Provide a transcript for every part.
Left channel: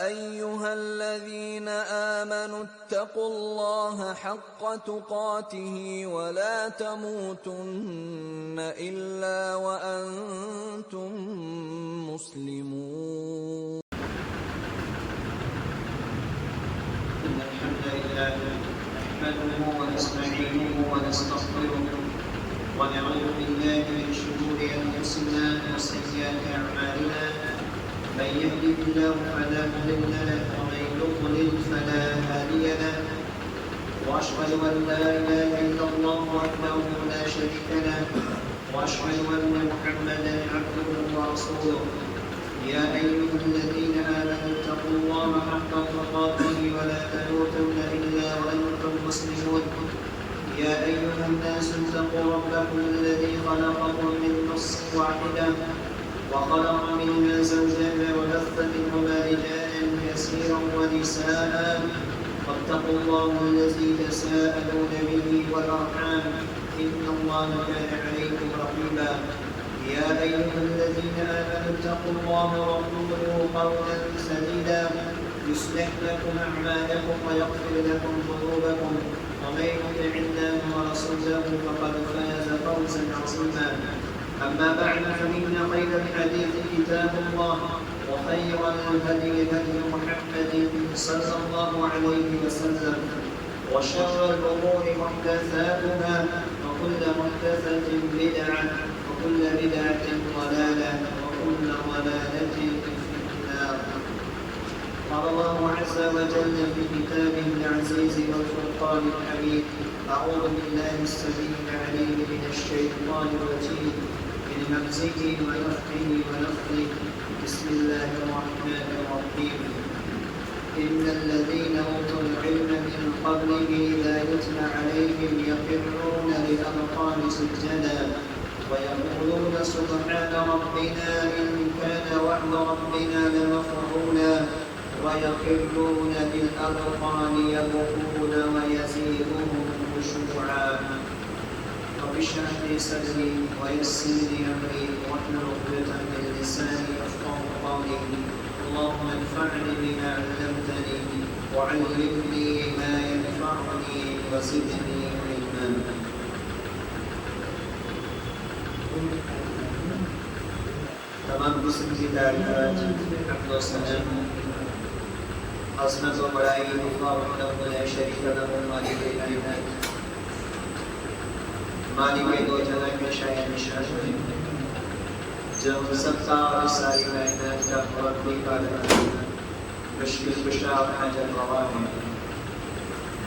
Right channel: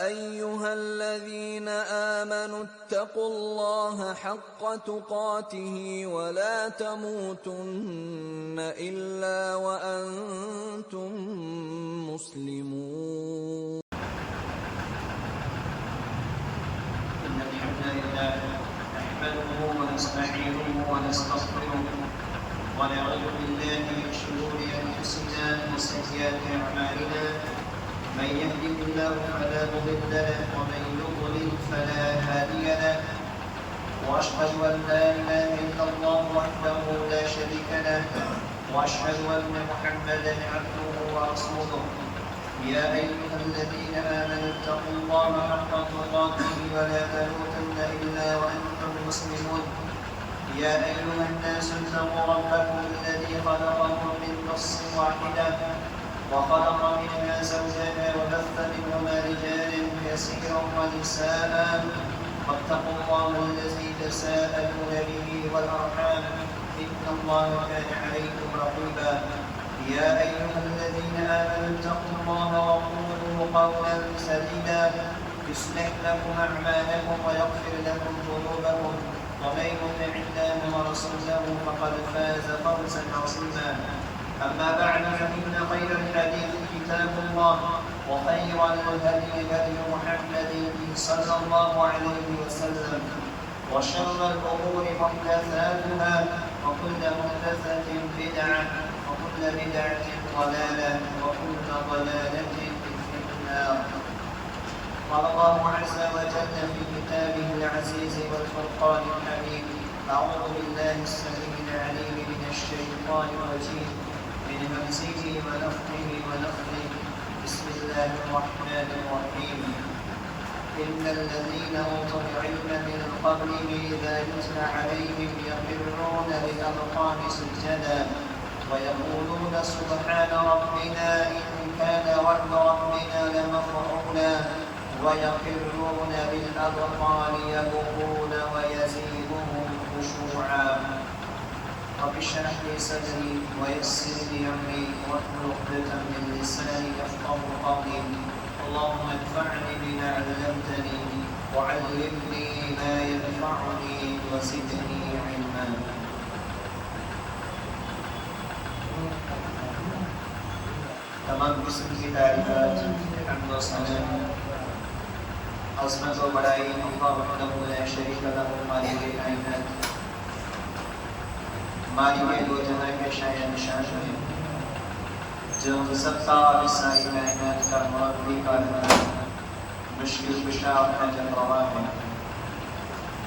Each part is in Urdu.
أيها الذين آمنوا اتقوا الله حق تقاته ولا تموتن إلا وأنتم مسلمون. إن الحمد لله نحمده ونستعينه ونستغفره ونعوذ بالله من شرور أنفسنا وسيئات أعمالنا. من يهده الله فلا مضل له ومن يضلل فلا هادي له. وأشهد أن لا إله إلا الله وحده لا شريك له وأشهد أن محمدا عبده ورسوله. يا أيها الذين آمنوا اتقوا الله حق تقاته ولا تموتن إلا وأنتم مسلمون. يا أيها الناس اتقوا ربكم الذي خلقكم من نفس واحدة وخلق منها زوجها وبث منهما رجالا كثيرا ونساء. واتقوا الله الذي تساءلون به والأرحام إن الله كان عليكم رقيبا. يا أيها الذين آمنوا اتقوا الله وقولوا قولا سديدا يصلح لكم أعمالكم ويغفر لكم ذنوبكم ومن يطع الله ورسوله فقد فاز فوزا عظيما. أما بعد فإن خير الحديث كتاب الله وخير الهدي هدي محمد صلى الله عليه وسلم وشر الأمور محدثاتها وكل محدثة بدعة وكل بدعة ضلالة وكل ضلالة في النار. قال الله عز وجل في كتابه العزيز والفرقان الحميد: أعوذ بالله السميع العليم من الشيطان الرجيم من همزه ونفخه ونفخه. بسم الله الرحمن الرحيم. إن الذين أوتوا العلم من قبله إذا يتلى عليهم يخرون للأذقان سجدا ويقولون سبحان ربنا إن كان وعد ربنا لمفعولا ويخرون بالأذقان يبكون ويزيدهم خشوعا. رب اشرح لي صدري ويسر لي أمري واحلل عقدة من لساني يفقهوا قولي. اللهم انفعني بما علمتني وعلمني ما ينفعني وزدني علما. تمام قسم کی تعریفات حمد و ثنا عظمت و بڑائی اللہ وحدہ لا شریک لہ مالک کائنات مالک دو جہاں کے شایع نشان ہے جو سب کا ساری کائنات کا مربی کارنامہ مشکل کشا اور حاجت روا ہے.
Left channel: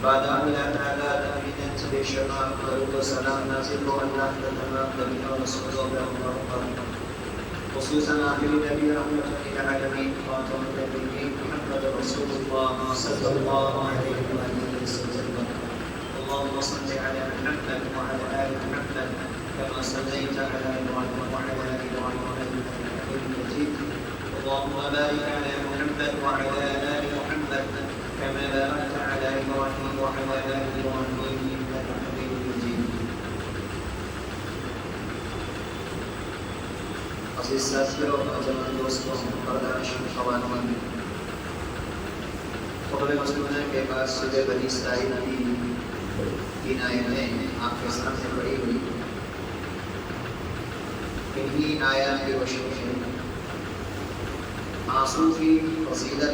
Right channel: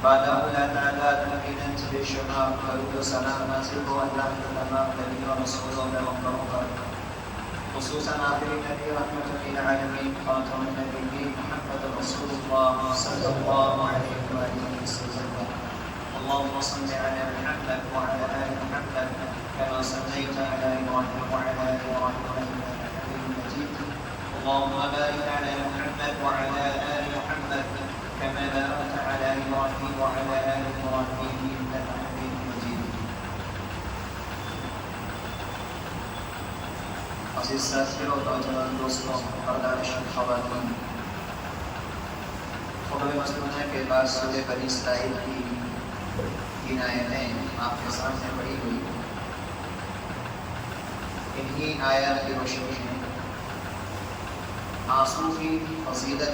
بعد اللہ تعالیٰ تقریباً بے شمار درود و سلام نازل ہو اللہ کے تمام نبی و رسول اللہ پر، خصوصاً آخری نبی رحمۃ للعالمین خاتم النبیین محمد رسول اللہ صلی اللہ علیہ وآلہ وسلم. اللهم صل على محمد وعلى آل محمد كما صليت على إبراهيم وعلى آل إبراهيم إنك حميد مجيد. اللهم بارك على محمد وعلى آل محمد كما باركت على إبراهيم وعلى آل إبراهيم إنك حميد مجيد. عزیز ساتھیوں اور نوجوان دوستوں، پردہ نشین خواتین، خطبہ مسنونہ کے بعد سورہ بنی اسرائیل کی 3 آیتیں آپ کے سامنے پڑھی ہوئی. انہی آیات کی روشنی میں آنسو کی فضیلت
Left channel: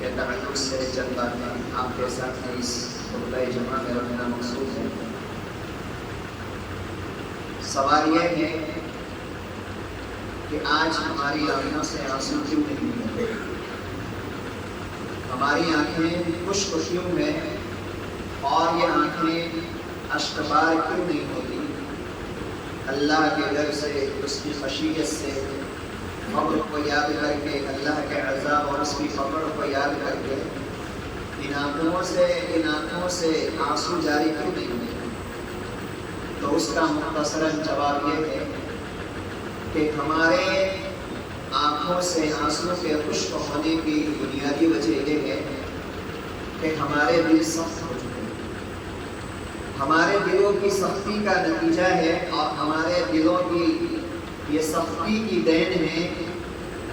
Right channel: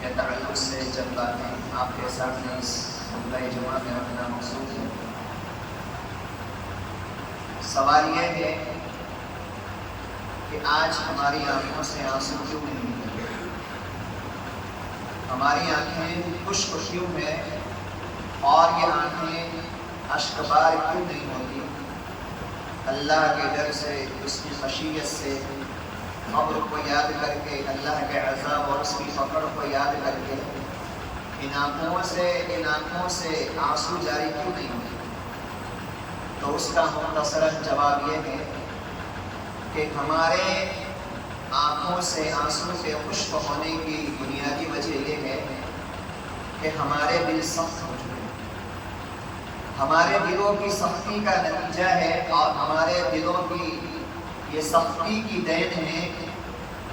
کے تعلق سے چند باتیں آپ کے سامنے اس خطبہ جمعہ میں رکھنا مقصود ہے. سوال یہ ہے کہ آج ہماری آنکھوں سے آنسو کیوں نہیں نکلتے؟ ہماری آنکھیں خشک کیوں ہیں اور یہ آنکھیں اشکبار کیوں نہیں ہوتی؟ اللہ کے ڈر سے، اس کی خشیت سے، قبر کو یاد کر کے، اللہ کے عذاب اور اس کی فقر کو یاد کر کے ان آنکھوں سے آنسو جاری کیوں نہیں ہوتے؟ تو اس کا مختصراً جواب یہ ہے کہ ہمارے آنکھوں سے آنسو کے خشک ہونے کی بنیادی وجہ یہ ہے کہ ہمارے دل سخت ہو چکے ہیں. ہمارے دلوں کی سختی کا نتیجہ ہے اور ہمارے دلوں کی یہ سختی کی دین ہے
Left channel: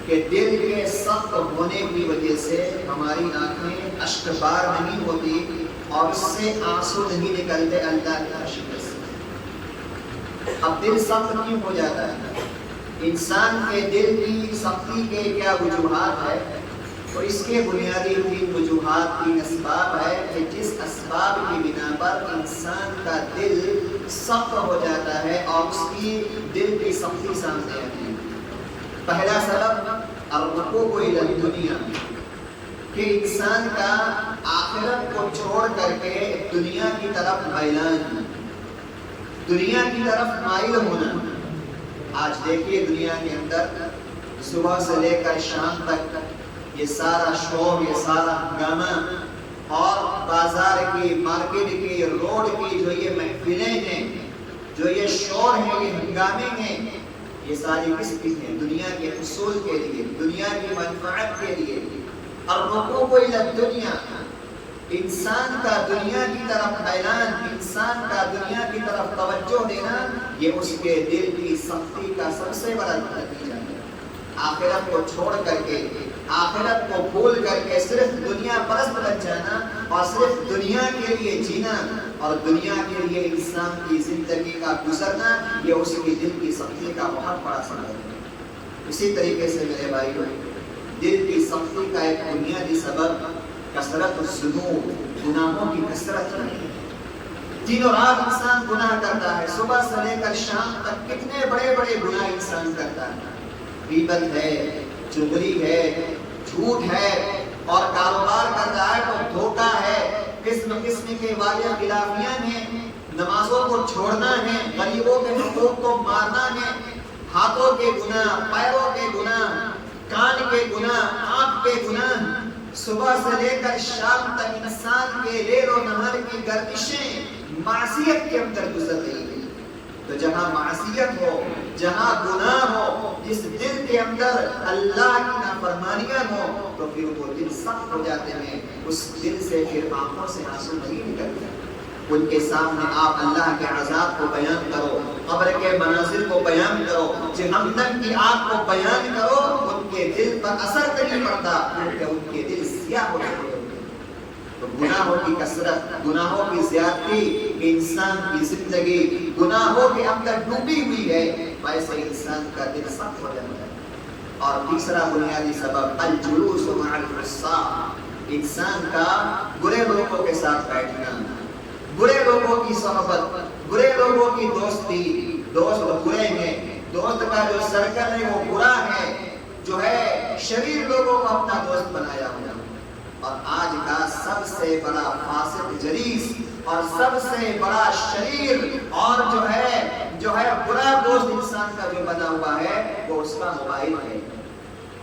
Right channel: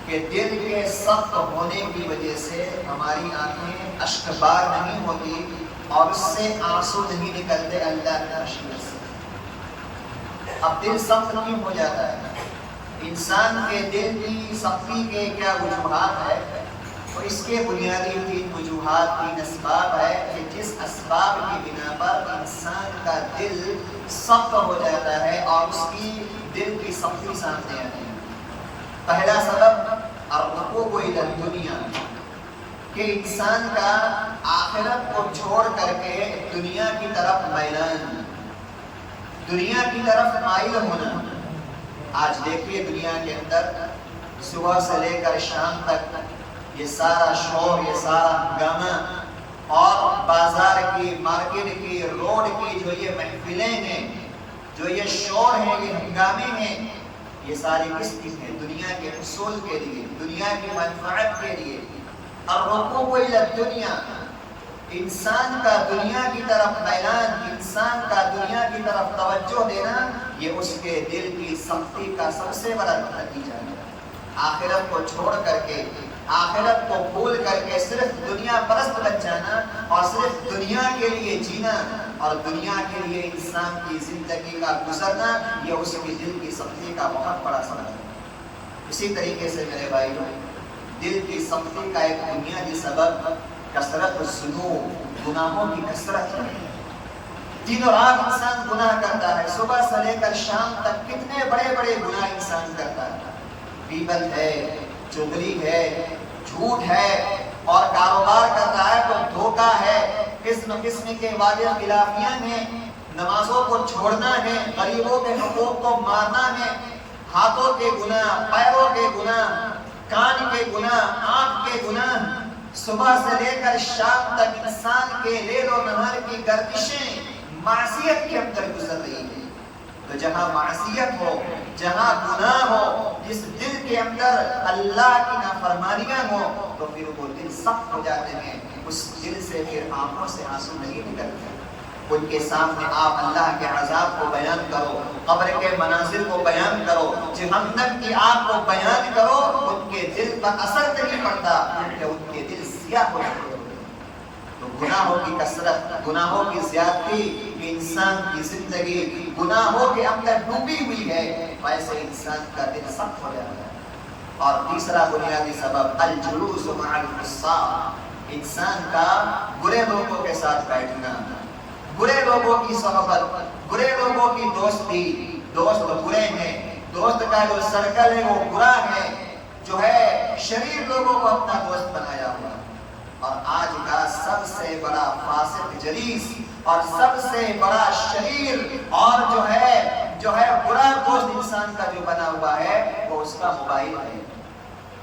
کہ دل کے سخت ہونے کی وجہ سے ہماری آنکھیں اشکبار نہیں ہوتی اور اس سے آنسو نہیں نکلتے اللہ کی خشیت سے۔ اب دل سخت کیوں ہو جاتا ہے؟ انسان کے دل کی سختی کے کیا وجوہات ہے؟ تو اس کے بنیادی 3 وجوہات، 3 اسباب ہے کہ جس اسباب کی بنا پر انسان کا دل سخت ہو جاتا ہے اور اس کی دل کی سختی سامنے آتی ہے۔ پہلا سبب الرکوع الی الدنیا، کہ انسان کا آخرت کو چھوڑ کر کے دنیا کی طرف میلان، دنیا کی طرف مائل ہونا۔ آج دیکھیے دنیا کے اندر صبح سے لے کر شام تک یہ سارا شور، یہ سارا ہنگامہ، اور بازار کی، مارکیٹ کی، روڈ کی جو یہ محفلیں ہیں، جو یہ شور ہیں، یہ ہنگامے ہیں، یہ ساری کس کی ہیں؟ دنیا کے حصول کے لیے، دنیا کی منفعت کے لیے۔ الرکوع الی الدنیا، انسان کا دنیا کی طرف میلان، انسان کا دنیا کی طرف توجہ دینا، یہ اس کے دل کی سختی کا سب سے بڑا نتیجہ ہے۔ آخرت کو چھوڑ کر کے، آخرت کو بھول کر کے صرف دنیا پرست بن جانا اور صرف دنیا کے لیے جینا اور دنیا کے لیے انسان کی زندگی کا گزرنا، یہ اس کی دل کی سختی کا بہت بڑا سبب ہے۔ اسی طریقے سے میرے بھائیو، دل کی سختی کا ایک بنیادی سبب کثرت الذنوب، گناہوں کی کثرت ہے۔ دن و رات انسان گناہ کرتا ہے، صبح سے لے کر شام تک کتنے بڑے بڑے گناہ انسان کرتا ہے۔ غیبت ہے، چغلی ہے، جھوٹ ہے، اور کاروبار کر رہا ہے تو دھوکہ ہے، قسم قسم کے وعدے خلافیاں ہیں، نمازوں کو چھوڑنا ہے، غریبوں کے حقوق کو مارنا ہے، ہاتھوں کے گناہ، پیروں کے گناہ، کان کے گناہ، آنکھ کے گناہ، صبح سے لے کر شام تک انسان کے لیل و نہار کی گردشیں معصیت کے اندر گزر رہی ہیں۔ تو جہاں معصیت ہو، جہاں گناہ ہو، جس دل کے اندر اللہ کی نافرمانیاں ہو، تو پھر وہ دل سخت ہو جاتے ہیں، اس دل سے پھر آنکھوں سے آنسو نہیں نکلتے۔ ان کے سامنے آپ اللہ کے عذاب کو بیان کرو، قبر کے مناظر کو بیان کرو، جہنم کی آگ کو بیان کرو، ان کے دل پر اثر نہیں پڑتا، کیونکہ ان کے دل سیاہ ہو جاتے ہیں۔ تو گناہوں کی کثرت، گناہوں کی زیادتی، کہ انسان کی زندگی گناہوں کے اندر ڈوبی ہوئی ہے، ویسے انسان کا دل سخت ہو جاتا ہے۔ اور تیسرا بنیادی سبب الجلوس مع الفساق، انسان کا برے لوگوں کے ساتھ بیٹھنا، برے لوگوں کی صحبت، برے لوگوں کی دوستی۔ دوست برے ہیں، دوست کا جو سرکل ہے وہ برا ہے، جو ہے شریر لوگوں کو اپنا دوست بنایا ہوا۔ اور آج کا سب سے بڑا فاسق جلیس اور سب سے بڑا شریر اور جو ہے برا دوست انسان کا جو بنا ہوا ہے، وہ اس کا موبائل ہے،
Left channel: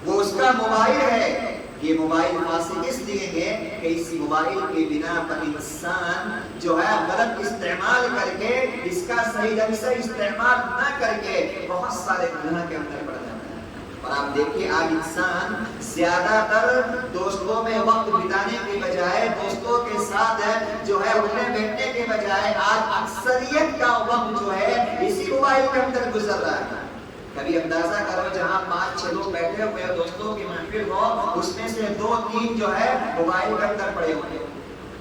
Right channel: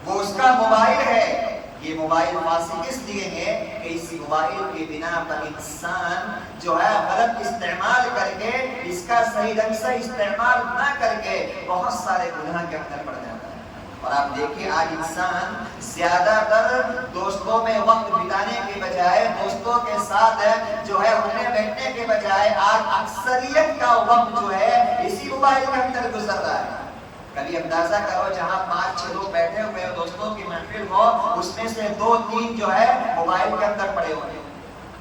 وہ اس کا موبائل ہے۔ یہ موبائل فاسق اس لیے ہے کہ اس موبائل کی بنا پر انسان جو ہے غلط استعمال کر کے، اس کا صحیح ڈھنگ سے استعمال نہ کر کے بہت سارے گناہ کے اندر پڑ جاتا ہے۔ اور آپ دیکھیے آج انسان زیادہ تر دوستوں میں وقت بتانے کے بجائے، دوستوں کے ساتھ جو ہے اٹھنے بیٹھنے کے بجائے، آج اکثریت کا وقت جو ہے اسی موبائل کے اندر گزر رہا ہے۔ کبھی اندازہ کرو جہاں 5-6 لوگ بیٹھے ہوئے دوستوں کی محفل ہو، اس میں سے 2-3 جو ہے موبائل کے اندر پڑے ہوں گے،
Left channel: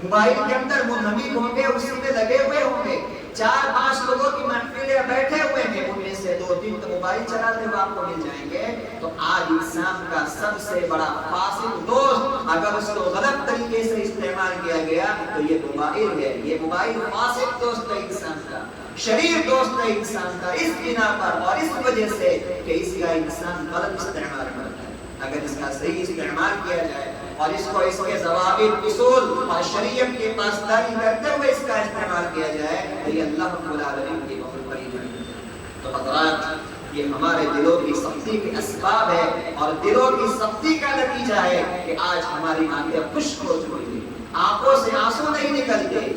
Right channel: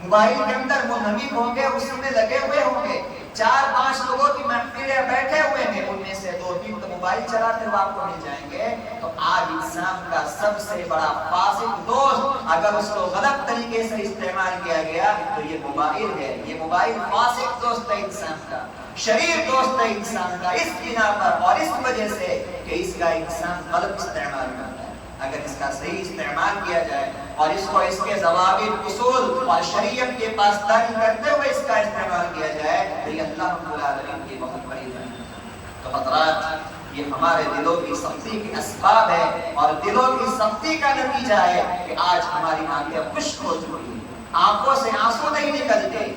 موبائل کے اندر منہمک ہوں گے، اسی میں لگے ہوئے ہوں گے۔ 4-5 لوگوں کی محفلیں بیٹھے ہوئے ہیں، ان میں سے 2-3 تو موبائل چلاتے ہوئے آپ کو مل جائیں گے۔ تو آج انسان کا سب سے بڑا فاسق دوست اگر اس کو غلط طریقے سے استعمال کیا گیا تو یہ موبائل ہے۔ یہ موبائل فاسق دوست ہے انسان کا، شریر دوست ہے انسان کا، اس بنا پر اور اس وجہ سے کہ اس کا انسان غلط استعمال کرتا ہے۔ اگر اس کا صحیح استعمال کیا جائے اور اس کو اس کے ضوابط، اصول اور شریعت کے پاسداری کرتے ہوئے اس کا استعمال کیا جائے تو یہ اللہ رب العالمین کی بہت بڑی نعمت ہے۔ تو حضرات، یہ ہمارے دلوں کی سختی کے اسباب ہے اور دلوں کی سختی کا نتیجہ ہے کہ آج ہماری آنکھیں خشک ہو چکی ہیں، آنکھوں سے آنسو نہیں نکلتے۔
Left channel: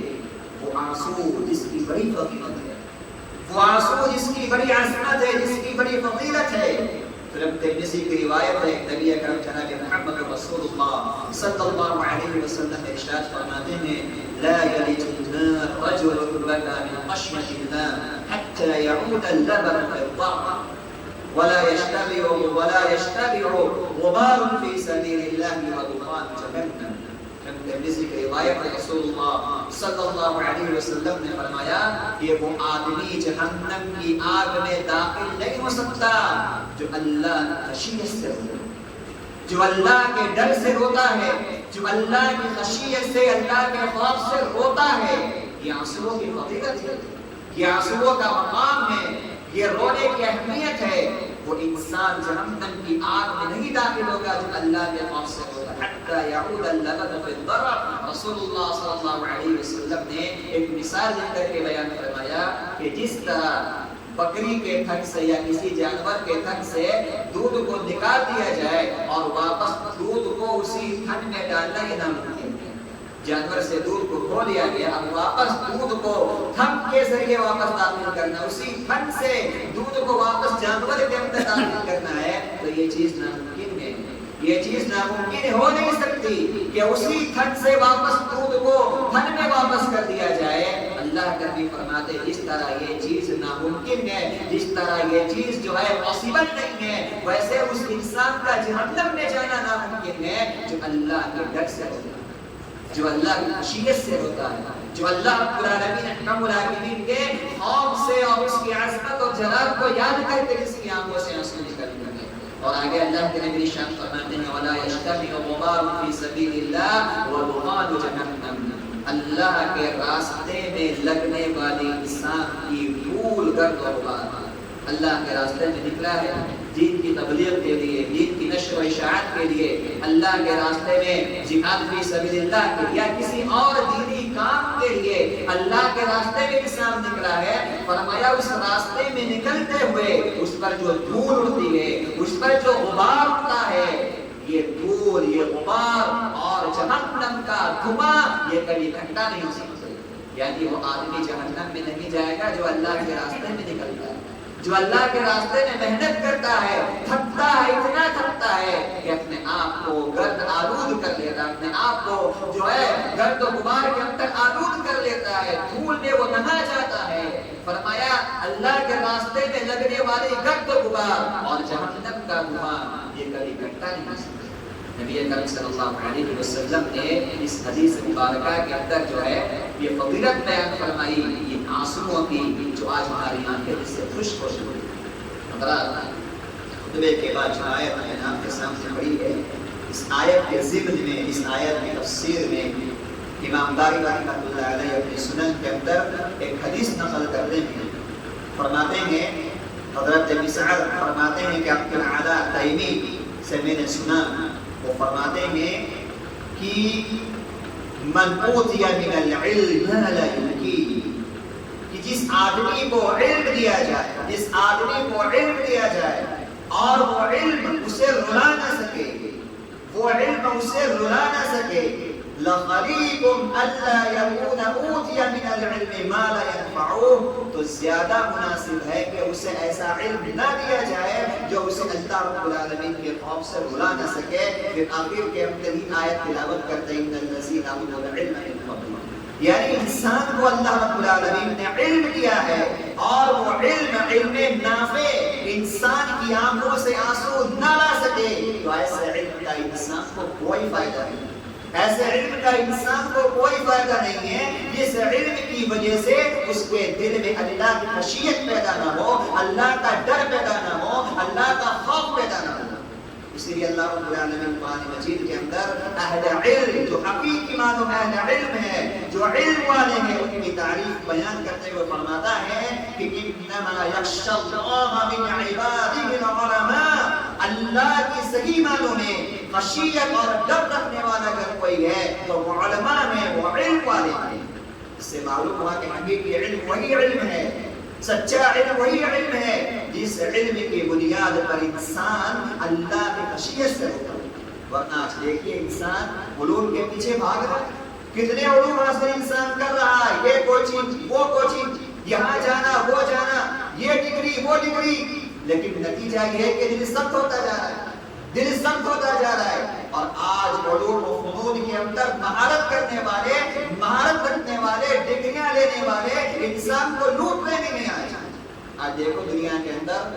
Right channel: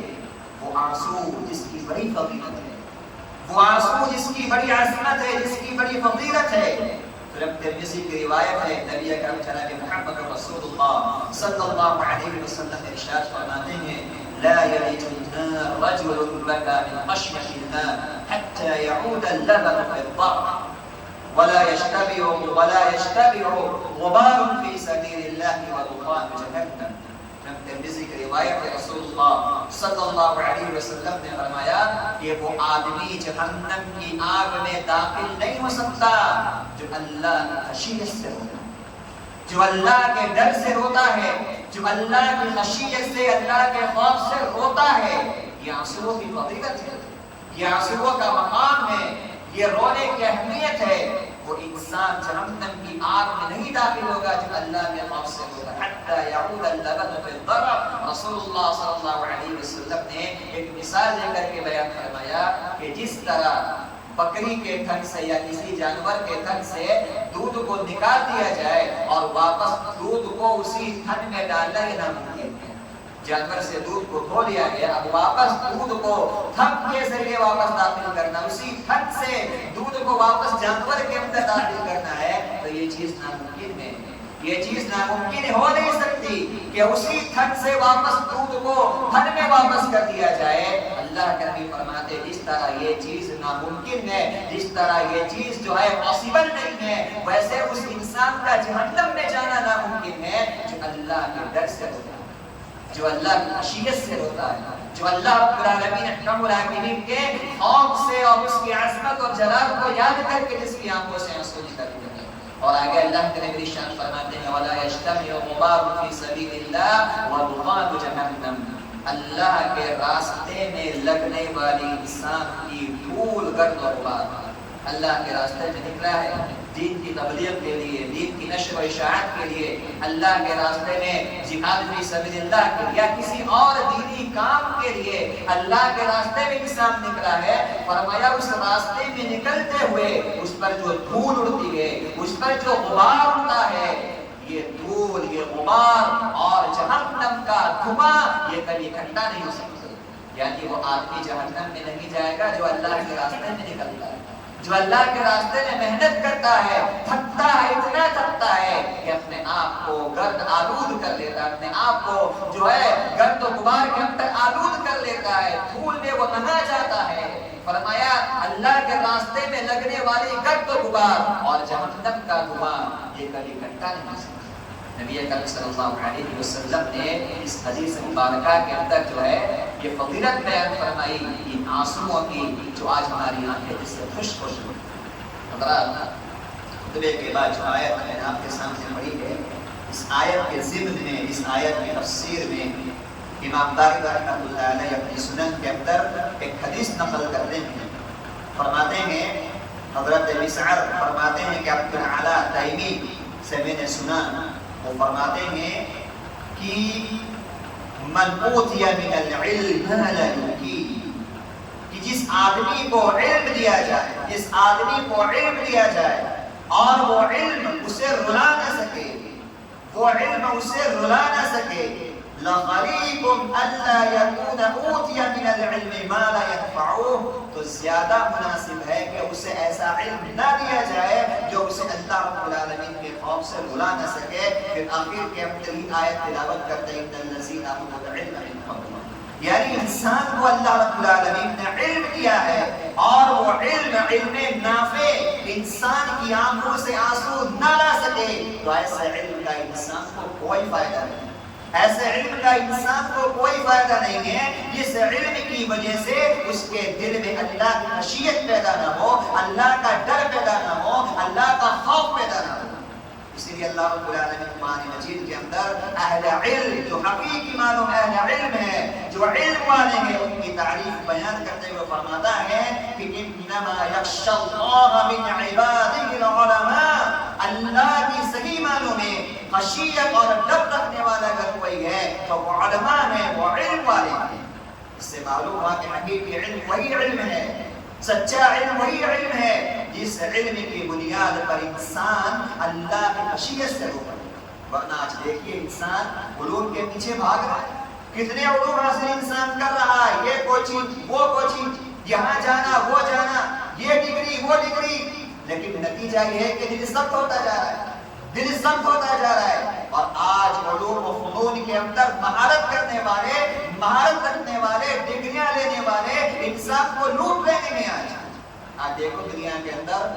وہ آنسو جس کی بڑی فضیلت ہے، وہ آنسو جس کی بڑی عظمت ہے، جس کی بڑی فضیلت ہے۔ ترمذی کی روایت ہے، نبی اکرم جناب محمد رسول اللہ صلی اللہ علیہ وسلم ارشاد فرماتے ہیں، لا يلج النار رجل بكى من خشية الله حتى يعود اللبن في الضرع۔ ولا يشتبع غبار في سبيل الله ودخان جهنم. ترمذی کی روایت ہے، رسول اللہ صلی اللہ علیہ وسلم نے فرمایا کہ وہ آدمی جہنم کی آگ میں داخل نہیں ہو سکتا جو اللہ کی خشیت سے روتا ہے، جو اللہ کے ڈر سے روتا ہے، جو اللہ کی خشیت سے، اللہ کے خوف سے روتا ہے. یہ آنسوؤں کی فضیلت ہے، یہ آنسوؤں کا مقام ہے، یہ رونے کی اہمیت ہے. وہ انسان جہنم کی آگ میں نہیں داخل ہوگا جو اللہ کے خوف سے ہوگا. حتی یعود اللبن فی الضرع. رسول اللہ صلی اللہ علیہ وسلم نے ایک مثال دے کر کے بیان فرمایا کہ جس طرح بکری کے تھن سے یا کسی جانور کے تھن سے دودھ کو نکال دیا جائے اور واپس دودھ کو اسی تھن میں ڈالنا یہ ناممکن ہے. جانور سے دودھ کو دھو لیا گیا، اب واپس دودھ کو تھن کے ذریعے واپس داخل کرنا، اسی تھن سے دودھ کو واپس جانور کے اندر داخل کرنا ہے، تو یہ چیز ناممکن ہے. یہ چیز ناممکن ہو نہیں سکتی کہ اسی تھن سے واپس دودھ کو تھن میں واپس کر دیا جائے. اللہ کے نبی فرماتے جس طرح یہ چیز ناممکن ہے، جس طرح یہ چیز جو ہے پاسبل نہیں ہے، ویسے اس انسان کا جہنم میں جانا ناممکن ہے جو اللہ کے ڈر سے ہوتا ہے، جو اللہ کی خشیت سے ہوتا ہے، جو اللہ رب العالمین احکم الحاکمین کے خوف سے اور اس کی عظمت اور جلال کو یاد کر کے جس کی آنکھوں سے آنسو نکلتے ہیں. اور آگے اللہ کے نبی شان فرماتے ہیں وَلَا يَجْتَمِعُ غُبَارٌ فِي سَبِيلِ اللَّهِ وَدُخَانُ جَهَنَّمَ. اللہ کے راستے میں لگنے والی انسان کی دھول گرد و غبار اللہ کے راستے میں نکلا ہے دین کی تبلیغ کے لیے، دین کی نشر و اشاعت کے لیے، اللہ کے راستے میں جہاد فی سبیل اللہ کے لیے یا کسی اور دینی کام کے لیے اللہ کے راستے میں انسان نکلا ہے. فرمایا اس راستے میں نکلتے ہوئے اس پر جو دھول اڑتی ہے، اس پر جو غبار اڑتا ہے، یہ دھول، یہ غبار اور جہنم کا دھواں یہ کبھی اکٹھا نہیں ہو سکتے. یعنی وہ آدمی جہنم میں نہیں جائے گا جو اللہ کے راستے میں نکلتا ہے، جو اللہ کے راستے میں محنت کرتا ہے، تھکتا ہے، اتنا تھکتا ہے کہ اپنے آپ کو گرد آلود کر لیتا ہے، اپنے آپ کو جو ہے گرد و غبار کے اندر آلود کر لیتا ہے، دھول میں وہ نہا جاتا ہے. فرمایا اللہ کے راستے میں لگنے والی گرد و غبار اور جہنم کا دھواں یہ کبھی اکٹھا نہیں ہو سکتا. نبی کریم صلی اللہ علیہ وسلم نے اس حدیث مبارکہ کے اندر جو ہے یہ فضیلت بیان فرمائی ان آنسوؤں کی جو آج ہماری آنکھیں جس سے خشک ہو چکی. خطبے کے بعد جو آیت میں نے آپ کے سامنے پڑھی ہے، اس آیت کے ضمن میں، اس آیت کی تفسیر میں امام بخاری رحمۃ اللہ علیہ اپنی سنن کے اندر ایک حدیث نقل کرتے ہیں. فرماتے ہیں حضرت مسعر فرماتے ہیں کہ عبد الاعلی تیمی سے میں نے سنا، وہ فرماتے ہیں کہ من اوتی من العلم ما لا یلقی، کہ جس آدمی کو علم دیا جائے، جس آدمی کو علم دیا جائے اور وہ علم اسے رلا نہ سکے، وہ علم اسے رلا نہ سکے، لَخَلِيكُمْ أَلَّا يَكُونَ أُوتِيَ مِنَ الْعِلْمِ مَا لَا يَنْفَعُهُ. تو زیادہ مناسب ہے کہ اسے ایسا علم نہ دیا جائے جو اسے اللہ رب العالمین کے خوف سے رلا نہ سکے. پھر آخر کے اندر ہی آیت تلاوت کرتے ہیں إِنَّ الَّذِينَ أُوتُوا الْعِلْمَ مِنْ قَبْلِهِ، یعنی انسان کو اللہ رب العالمین نے علم دیا ہے اور وہ علم نافع انسان کی آنکھوں سے آنسو نہ لا سکے، تو ایسے علم کا انسان کو کوئی فائدہ نہیں، ایسے علم کا انسان کو کوئی فائدہ نہیں ہے جس علم کی وجہ سے اس کے دل میں اللہ کی خشیت پیدا نہ ہو، اللہ کا ڈر پیدا نہ ہو، اللہ کا خوف پیدا نہ ہو. اسی لیے اللہ رب العالمین قرآن مجید کے اندر اہل علم، جو حقیقی معنوں میں اہل علم ہے، جو علم والے ہیں، ان کی تعریف بیان کرتے ہوئے فرماتا ہے کہ انما یخشی اللہ من عبادہ العلماء. اللہ کی صحیح معنوں میں خشیت اور ڈر رکھنے والا اگر کوئی ہے تو وہ علماء ہیں، وہ علم والے ہیں. اس سے معلوم ہوا کہ حقیقی علم وہی علم ہے، سچا علم وہی علم ہے جس علم کی بنیاد پر انسان اللہ کی خشیت سے ہوتا ہے. ورنہ آج دیکھیے انسان علوم کے پیچھے بھاگ رہا ہے، کتنے علوم حاصل انسان کر رہا ہے، یہ کوچنگ وہ کوچنگ، یہاں جانا وہ جانا، یہ ڈگری وہ ڈگری، لیکن نتیجہ یہ ہے کہ دل سخت ہوتا جا رہا ہے، دل سخت ہوتا جا رہا ہے. اور آج علوم و فنون کے اندر مہارت کرنے والے، مہارت رکھنے والے، ڈگریاں لینے والے انسان کو لوٹ رہے ہیں. آج دیکھو دنیا کے اندر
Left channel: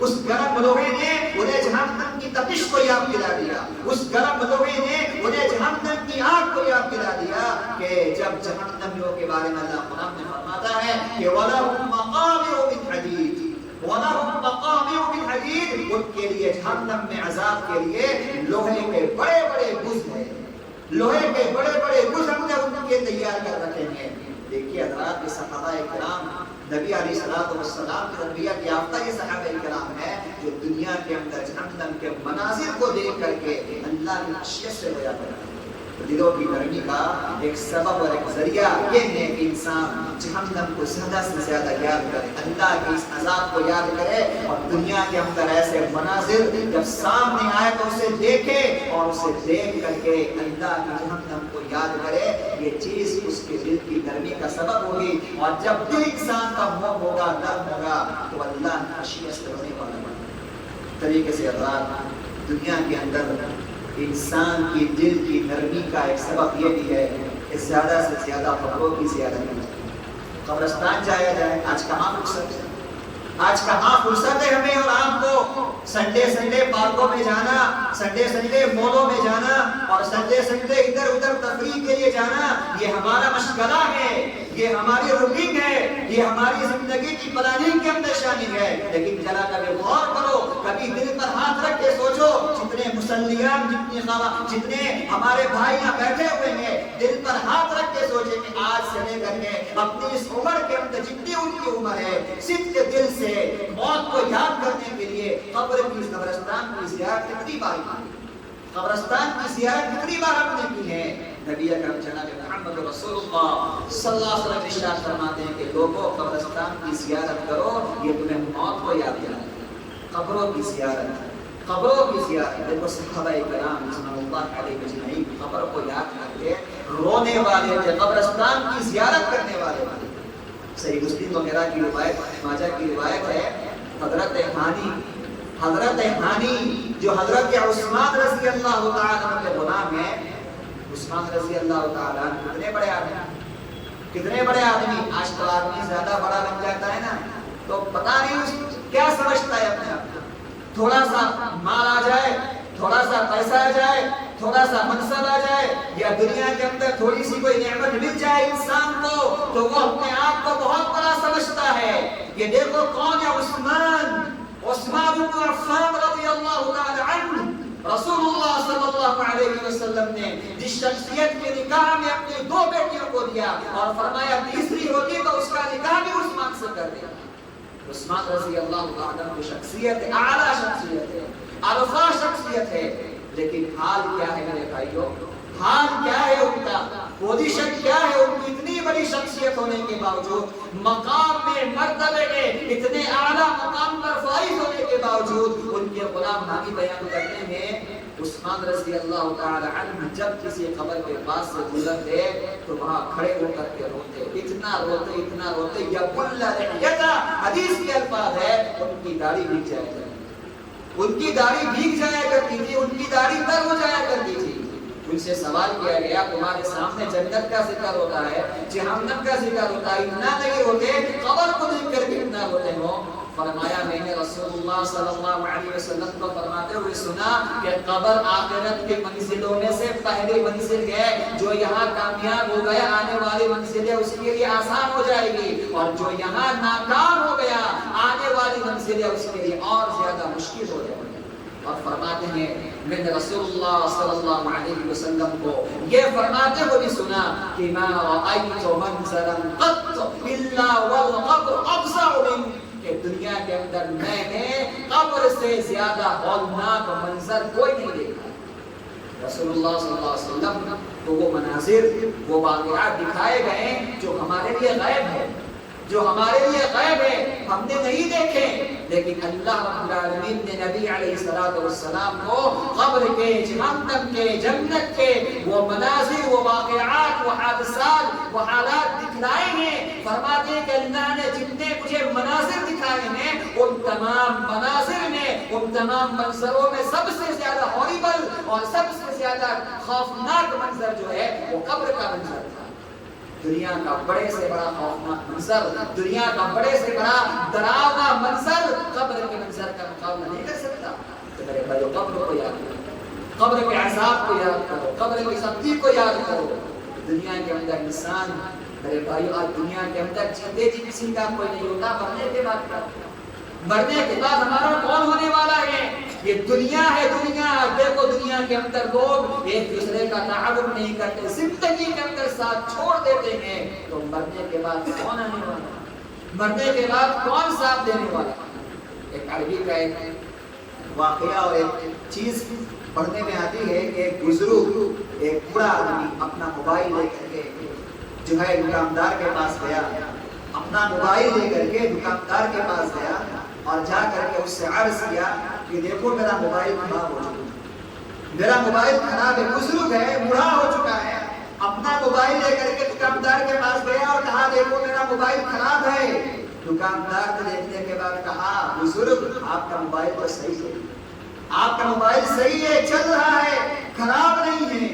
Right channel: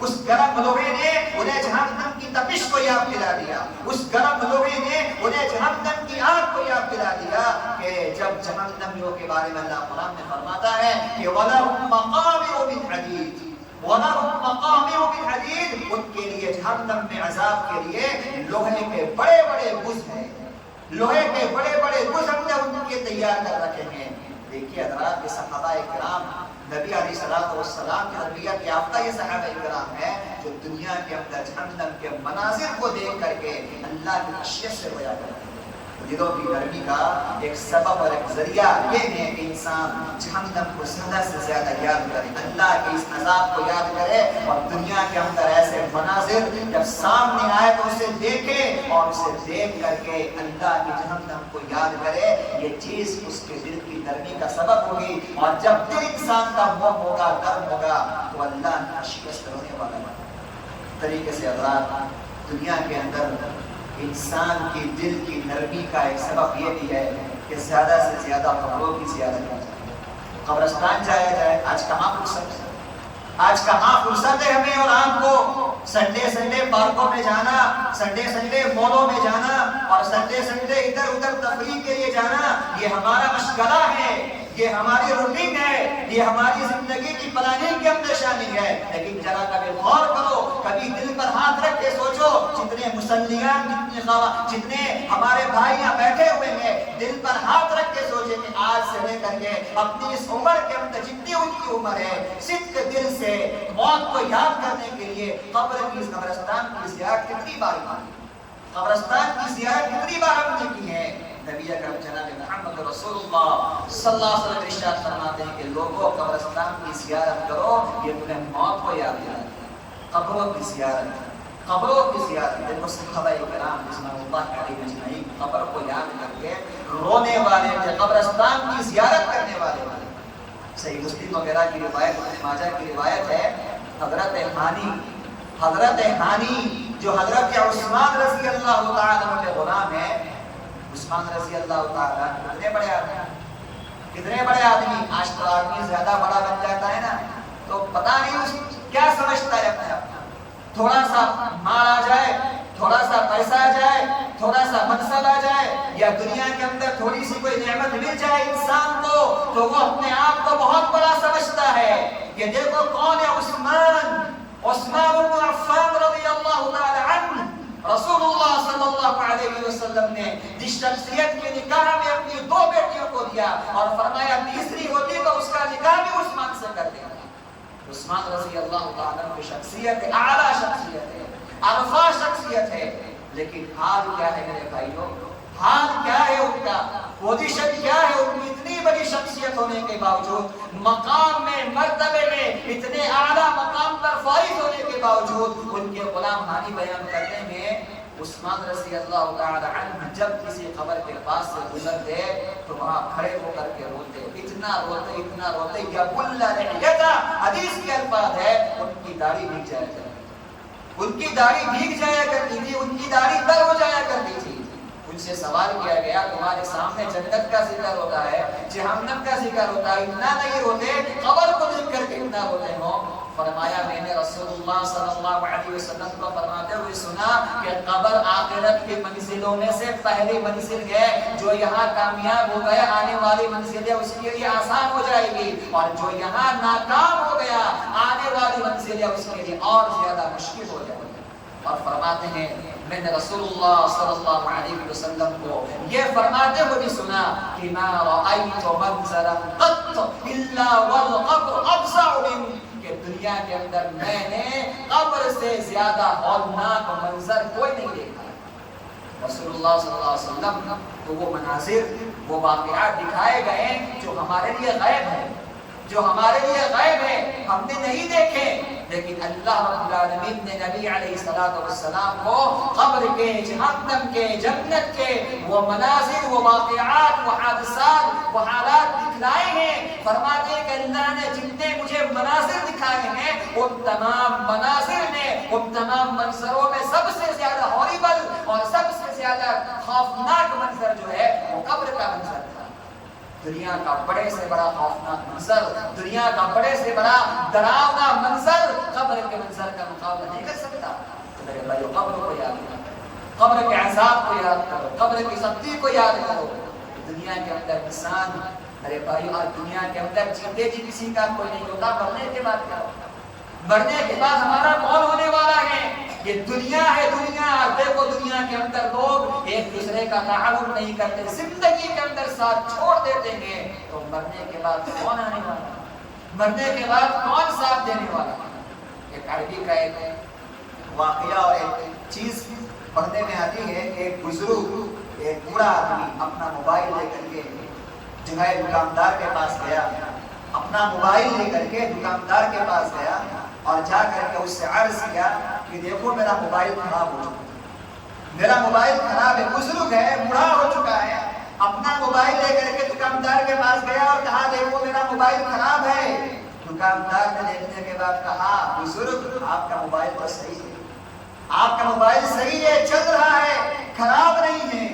اس گرم لوہے نے انہیں جہنم کی تپش کو یاد دلا دیا، اس گرم لوہے نے انہیں جہنم کی آگ کو یاد دلا دیا کہ جب جہنمیوں کے بارے میں اللہ قرآن میں فرماتا ہے کہ وَلَهُمْ مَقَامِعُ مِنْ حَدِيدٍ وَلَهُمْ مَقَامِعُ مِنْ حَدِيدٍ، ان کے لیے جہنم میں عذاب کے لیے لوہے کے بڑے بڑے گز ہیں، لوہے کے بڑے بڑے گز ہم نے ان کے تیار کر رکھے ہیں۔ دیکھیے حضرات، یہ صحابہ کرام نبی علیہ السلام کی تربیت یافتہ یہ صحابہ کرام ہے جو دنیا کے اندر جہنم کے مناظر کو دیکھ کر کے اللہ کی خشیت سے رویا کرتے ہیں۔ دلوں کی نرمی کا ایک سبب اور ایک ذریعہ یہ ہے کہ انسان جہنم کو زیادہ سے زیادہ یاد کرے، اللہ کے اس عذاب کو یاد کرے، اور دنیا کے اندر ایسے مناظر جب سامنے آئے تو اسے دیکھے اور اسے دیکھ کر کے اللہ کی جہنم کو یاد کرے۔ یہ چیز اس کے دل کی نرمی کا سبب ہوگی، اور جب دل انسان کا موم ہوگا، نرم ہوگا، تو اللہ خشیت سے رونے والا ہوگا۔ طریقے سے اللہ دنیا کے اندر انسان کی دل کی نرمی کا ایک سبب یہ بھی ہے کہ زیادہ سے زیادہ قبروں کی زیارت کی جائے، قبرستان جایا جائے۔ آج کہاں فرصت ہے، آج کہاں فرصت ہے ہمیں اور آپ کو سنڈے پارکوں میں جانا، سنڈے مولوں میں جانا، اور سنڈے ادھر ادھر تفریح کے لیے جانا۔ یہ ہمارا مشغلہ ہے، یہ ہماری روٹین ہے، یہ ہماری زندگی کی پلاننگ کے اندر شامل ہے۔ لیکن ذرا کبھی غور کرو، کبھی دل پر ہاتھ رکھ کے سوچو، جتنے مسلیان، جتنے ہمارے بھائی یہاں بیٹھے ہوئے ہیں، دل پر ہاتھ رکھ کے سوچے کہ آج سے لے کر کے اپنی اس عمر کے اندر جتنی ان کی عمر ہے، صدق دل سے موت کو یاد کرنے کے لیے قبرستان کی زیارت کتنی بار کی، قبرستان کی زیارت کتنی بار ہم نے کی ہے۔ نبی اکرم جناب محمد رسول اللہ صلی اللہ علیہ وسلم ارشاد فرماتے ہیں کہ لوگوں قبرستان کی زیارت کرو، یہ تمہیں موت کو یاد دلائے گا۔ قبروں کی زیارت، قبروں کی زیارت، دیکھو صحابہ کرام رضوان اللہ علیہم اجمعین قبر کو یاد کر کے رونے والے تھے، قبرستان کی زیارت کرنے والے تھے۔ صحیح مسلم وغیرہ کی روایت، ماجہ کی روایت ہے، حضرت ہانی جو حضرت عثمان رضی اللہ تعالیٰ عنہ کے غلام ہیں، عثمان رضی اللہ تعالیٰ عنہ کتنے بڑے آدمی، آج تو آدمی زیادہ بڑا بن جاتا ہے نا تو پتہ نہیں کیا سمجھتا ہے اپنے آپ کو، تھوڑا سا مال آ جائے، تھوڑا سا پیسہ آ جائے، تھوڑا سا منصب آ جائے، یا دنیا کے اندر تھوڑی سی کوئی نعمت مل جائے انسان کو، تو وہ اپنے آپ کو بہت بڑا سمجھتا ہے۔ یہ دیکھو کون ہے، عثمان بن عفان رضی اللہ تعالی عنہ۔ رسول اللہ صلی اللہ علیہ وسلم نے جس شخصیت کے نکاح میں اپنی 2 بیٹیوں کو دیا اور فرمایا تیسری ہوتی تو اس کا نکاح بھی عثمان سے کر دیا۔ عثمان رضی اللہ تعالی عنہ کی شخصیت اعلیٰ شخصیت ہے، عرفہ شخصیت ہے، لیکن حال کیا ہے میرے بھائیوں، حال کیا ہے ان کا، پوزیشن کیا ہے ان کی؟ اتنی بڑی شخصیت ہونے کے باوجود، مقام میں، مرتبے میں اتنے اعلیٰ مقام پر فائز ہونے کے باوجود، ان کے غلام ہانی بیان کرتے ہیں عثمان رضی اللہ تعالی عنہ جب کسی قبر کے پاس سے گزرتے تو وہاں کھڑے ہو کر کے روتے، اتنا روتے یا بلا لحیتا، حدیث کے الفاظ ہے ان کی داڑھی بھیگ جایا کرتی، ان کی داڑھی بھیگ جایا کرتی تھی، ان کی داڑھی تر ہو جایا کرتی تھی۔ ان سے سوال کیا گیا تمہارے سامنے جنت کا ذکر ہوتا ہے، جہنم کا ذکر ہوتا ہے، اتنا نہیں روتے، قبر کو دیکھ کر کے اتنا روتے ہو؟ فرمایا میں نے رسول اللہ صلی اللہ علیہ وسلم کو فرماتے ہوئے سنا کہ قبر آخرت کے منزلوں میں سے پہلی منزل ہے، جو یہاں کامیاب ہو گیا آنے والی منزل ہے اس کے لیے آسان ہو جائے گی، اور جو یہاں ناکام ہو گیا آنے والی منزل ہے اس کے لیے اور زیادہ مشکل ہو جائے گی۔ اور فرماتے ہیں میں نے رسول اللہ صلی اللہ علیہ وسلم کو یہ فرماتے ہوئے بھی سنا کہ ما رأيت منظرا قط الا والقبر افظع منه، کہ دنیا کے اندر میں نے قبر سے زیادہ ہولناک منظر کوئی نہیں دیکھا۔ رسول اللہ صلی اللہ علیہ وسلم تو وہ مناظر، وہ واقعات دکھائے گئے جو ہمارے لیے غیب ہے، جو ہمارے لیے غیب ہے، ہم نے نہیں دیکھے، لیکن اللہ رب العالمین نے نبی علیہ السلام کو قبر کے، جہنم کے، جنت کے وہ مناظر، وہ واقعات، وہ حادثات، وہ حالات دکھلائے ہیں۔ فرماتے ہیں کہ اللہ نے جتنے مجھے مناظر دکھائے ہیں ان تمام مناظر میں، ان تمام منظروں میں سب سے زیادہ ہاریبل اور سب سے زیادہ خوفناک منظر جو ہے وہ قبر کا منظر تھا۔ دنیا کا بڑے سے بڑا خوفناک منظر، دنیا کا بڑے سے بڑا ڈراؤنا منظر قبر کے منظر کا مقابلہ نہیں کر سکتا۔ تو میرے بھائیو قبر کو یاد کرو، قبر کے عذاب کو یاد کرو، قبر کی سختی کو یاد کرو۔ دنیا کے اندر انسان، میرے بھائیو آج دنیا کے اندر جیتے جی کسی کا کوئی نہیں ہوتا، مرنے کے بعد کیا ہوتا؟ مرنے کے بعد ہمارا کون ہونے والا ہے؟ یہ دنیا ہے دنیا۔ دیکھو دنیا کے اندر لوگ ایک دوسرے کا تعاون نہیں کرتے، زندگی کے اندر ساتھ چھوڑ دیتے ہیں، تو مرنے کے بعد کون آنے والا ہے؟ مرنے کے بعد کون ساتھ دینے والا ہے؟ ایک عربی کا ایک واقعہ اور ایک چیز پڑھنے میں آتی ہے کہ ایک بزرگ، ایک بوڑھا آدمی اپنا موبائل لے کر کے جو ہے دکاندار کے پاس گیا، اپنا موبائل لے کر کے دکاندار کے پاس گیا اور جا کر کے اس سے عرض کیا کہ دیکھو میرا موبائل خراب ہو چکا ہے، میرا موبائل خراب ہے۔ بزرگ ہے، بوڑھا ہو چکا ہے، اپنا موبائل لے کر کے دکاندار کے پاس گیا اور کہا دیکھو میرا موبائل خراب ہے۔ دکاندار نے دیکھنے کے بعد کہا بزرگ آپ کا موبائل تو صحیح ہے، آپ کا موبائل صحیح ہے، چل رہا ہے، خراب نہیں ہے،